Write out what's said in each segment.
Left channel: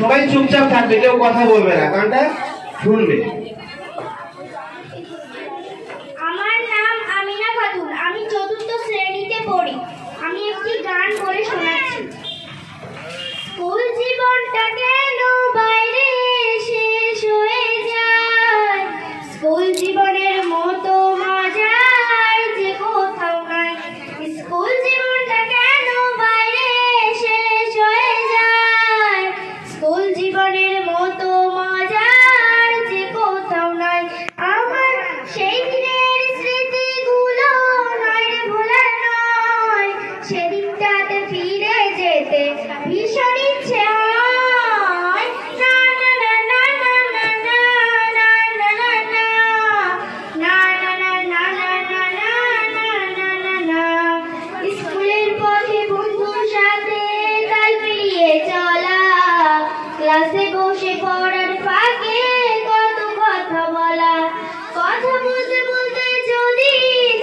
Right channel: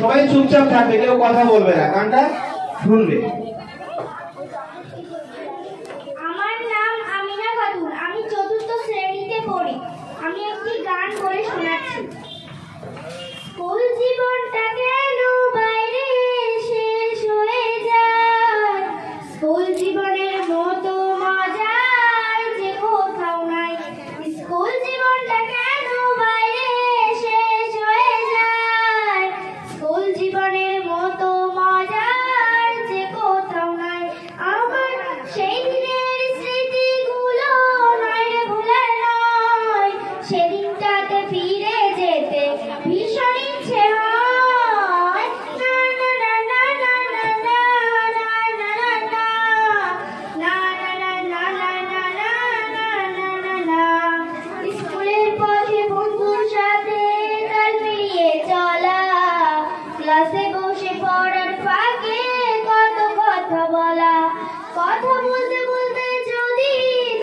সবাই চুপচাপ থাকবে, কেউ কথা বলবে না, গানটা শুনবে। আমার নাম আমিনা খাতুন, আমি ৪র্থ শ্রেণীতে পড়ি। আমি একটি গান করে শোনাচ্ছি। স্কুল জীবনটা কেন বাইরে শেষ হয়ে যায়, স্কুল জীবনের মতো মজার যে কোথাও নাই। স্কুল জীবনটা কেন বাইরে শেষ হয়ে যায়, স্কুল জীবনের মতো মজার যে কোথাও নাই। আমার সেই দিনের স্মৃতিগুলো নয় রে ভোলা নয়, সেদিনটাতে ফিরে যেতে ভীষণ ইচ্ছে হয়। না না না না না না না না না না না না না না না না না। স্কুলের পথে বন্ধুর সাথে কাল পেরিয়ে চলা, ক্লাসে বসে পড়ার ফাঁকে কত কথা বলা, কথা বলতে বলতে যদি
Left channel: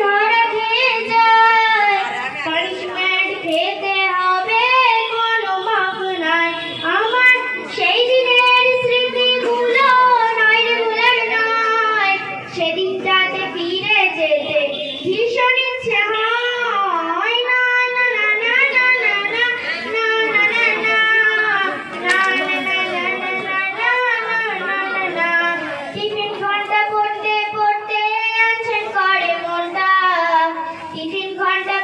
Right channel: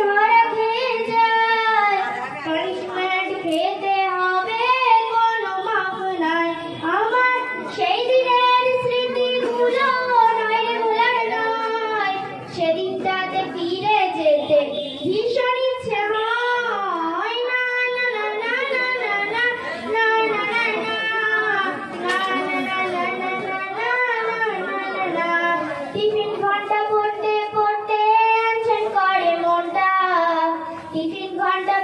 ধরা খেয়ে যায়, পানিশমেন্ট খেতে হবে কোনো মাপ নাই। আমার সেই দিনের স্মৃতিগুলো নয় রে ভোলার নয়, সেদিনটাতে ফিরে যেতে ভীষণ ইচ্ছে হয়। না না না না না না না না না না না। টিফিন ঘন্টা পড়তে পড়তে আনছেন করে মনটা, টিফিন ঘন্টা